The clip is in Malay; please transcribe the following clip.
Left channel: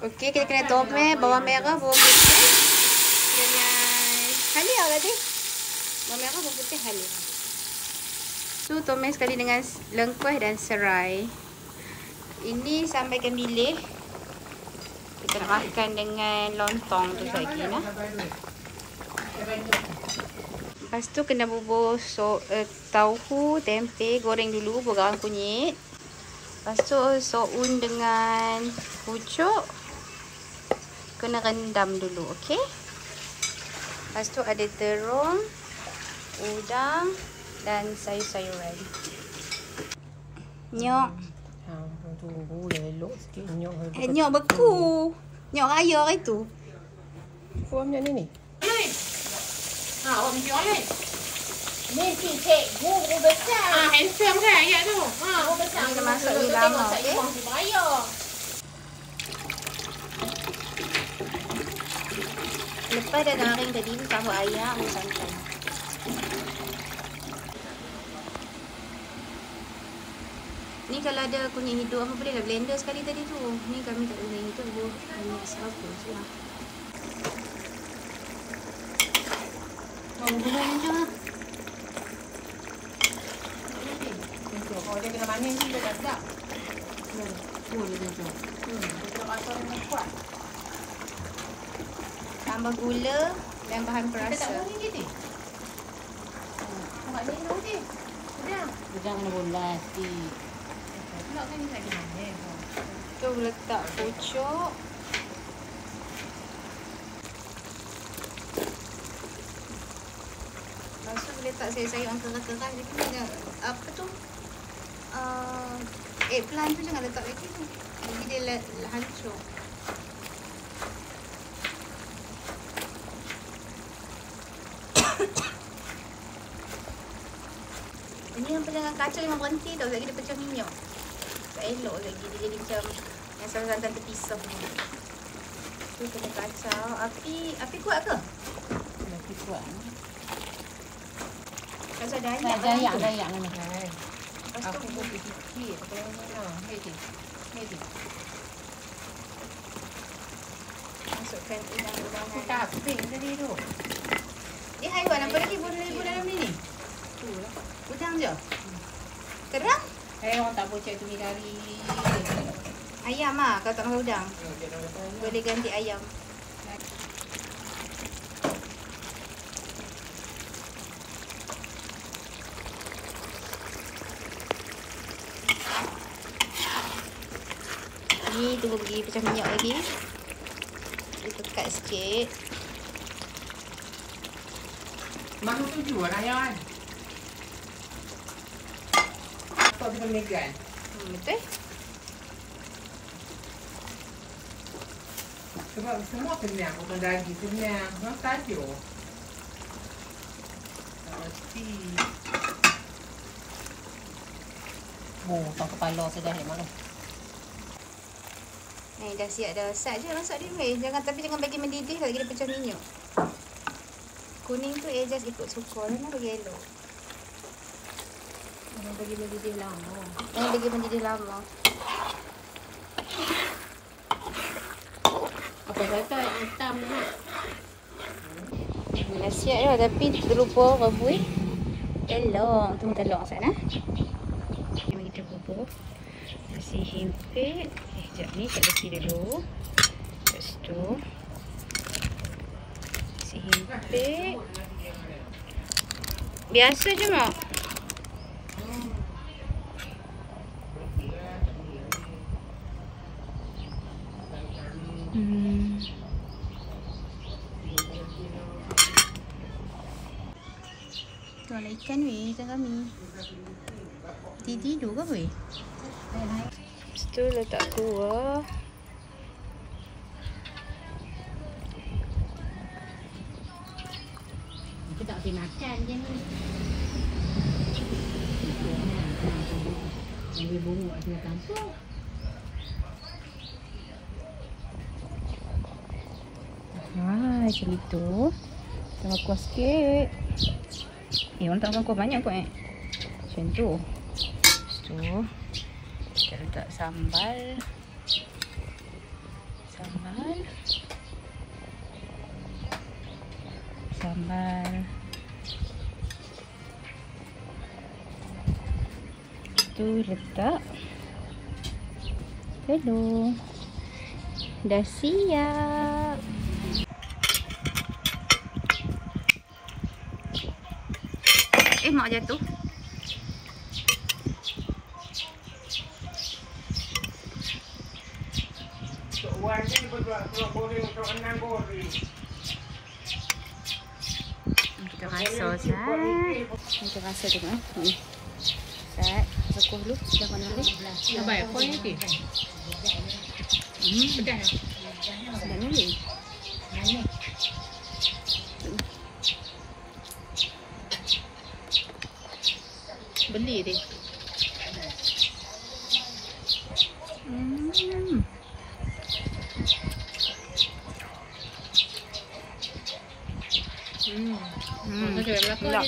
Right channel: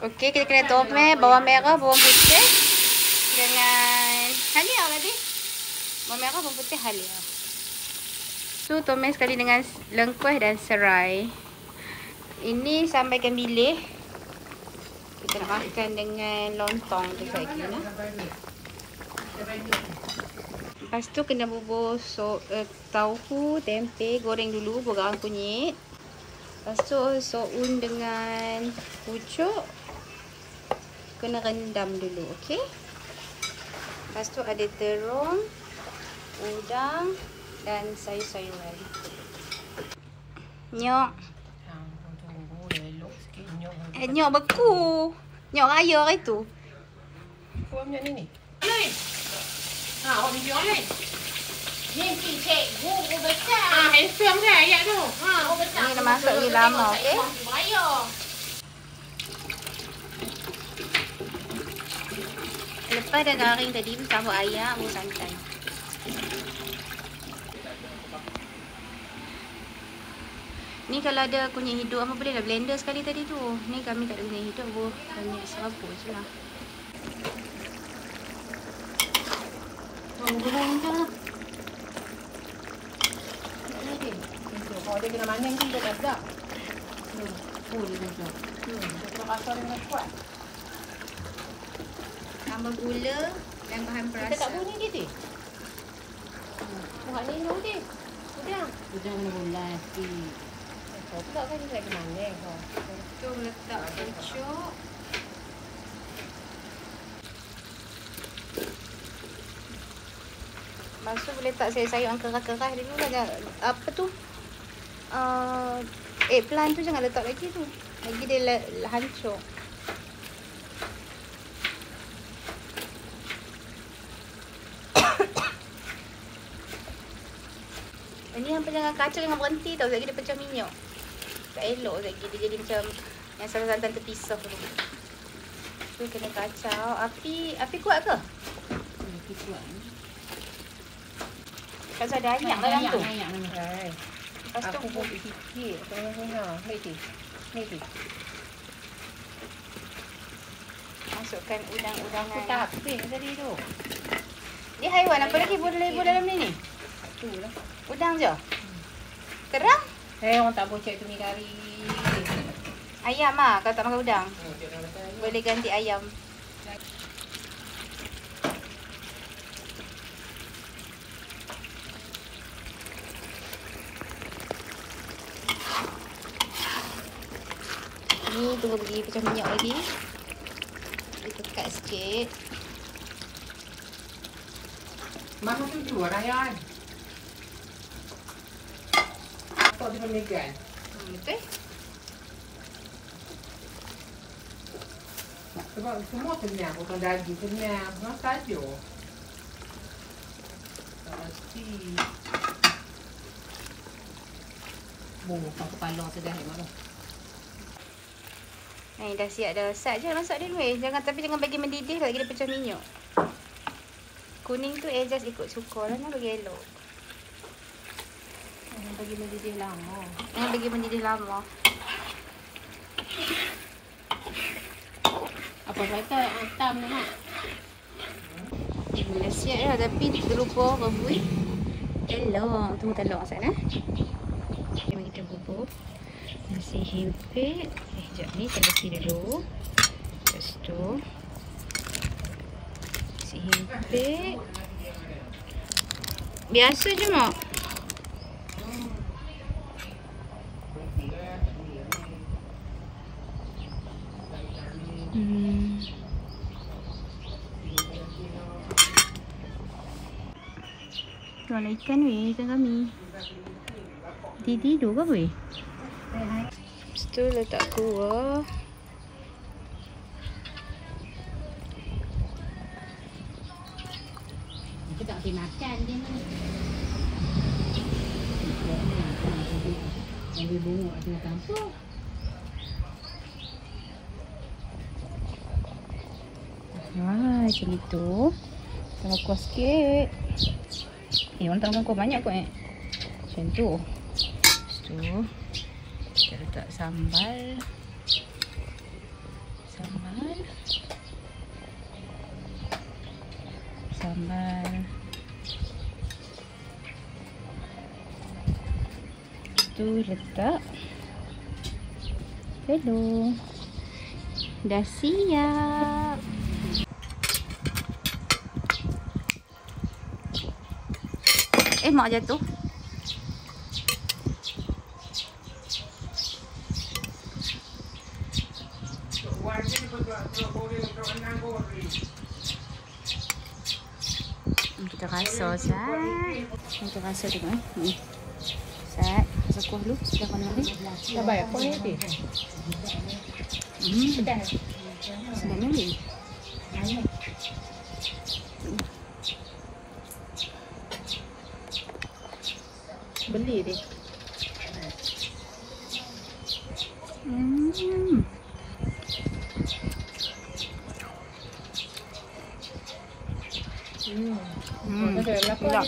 Okey, kita kena tumis bawang merah, bawang putih dengan halia tadi. Bawang merah, bawang putih, halia. Tu tumis sekali dengan lengkuas dan serai. Ini sambal ikan bilis. Kita nak makan dengan lontong tu lagi nah. Lepas tu kena bubur tauhu, tempe, goreng dulu, bubur garam kunyit. Lepas tu soun dengan pucuk kena rendam dulu, okey? Lepas tu ada terung, udang dan sayur-sayuran. Nyok. Nyok beku. Nyok raya hari tu. Kau macam ni. Awak tunjuk ni. Ni cik buku besar. Handsome kan ayat tu. Ni dah masak lagi lama, okey? Lepas dah garing tadi tu tambah ayam dan santan. Ni kalau ada kunyit hidup apa boleh dah blender sekali tadi tu. Ni kami tak ada kunyit hidup, hanya serabut je lah. Gula macam tu. Kalau dia kena manis ni dia tak. Boleh tu. Tambah gula dan bahan Kita tak perasa. bunyi dia. Buat ni dulu dia. Udang merulas si. Tak kan dia nak kena manis. Tu letak pucuk. Lepas tu boleh letak sayur-sayur yang keras-keras dulu. Apa tu? Eggplant tu jangan letak lagi tu. Lagi dia hancur. Ini yang jangan kacau, jangan berhenti tau. Sebab dia pecah minyak. Tak elok lagi. Dia jadi macam yang santan terpisah tu. Tu kena kacau. Api kuat ke? Api kuat. Kalau ada ayam dalam tu. Ayam mana kan? Lepas tu Aku buat sikit. Ni. masukkan udang-udangan. Tak habis tadi tu. Dia haiwan apa lagi boleh dalam ni? Udang je. Kerang? Orang tak boleh cek ni dari Ayam ah, kalau tak makan udang. Boleh ganti ayam. Ni tunggu pergi pecah minyak lagi. Ditekat sikit. Mana tuju Rayyan? Apa dengan Megan? Betul? Sebab semua kenyang, potong daging kenyang. Memang saja. Tak mesti. kepala sudah ni mana. Ni dah siap dah. Sat je masak dia weh. Tapi jangan bagi mendidih lagi dia pecah minyak. Kuning tu just ikut suka lah, nak bagi elok. Jangan bagi mendidih lama. Jangan bagi mendidih lama. Apa kata hitam ni? Dah siap dah tapi terlupa rebus telur. Tunggu telur sana. Jom kita bubur nasi himpit. Sekejap ni saya bersih dulu. Lepas tu nasi himpit. Biasa je mak. Tuan ikan weh macam kami. Tidur ke weh? Lepas tu letak kuah. Kita tak boleh makan je ni. Ambil bunguk di tengah kampung. Macam itu. Tambah kuah sikit. Orang tak makan kuah banyak kot Macam tu. Lepas tu kita letak sambal. Sambal. Tu letak telur. Dah siap. Mak jatuh. Kita rasa Sat. Kita rasa tengok Sat, rasa kuah dulu. Dah mana lagi? Dah bayar kau ni lagi. Dah ni. Beli dia. Sedap.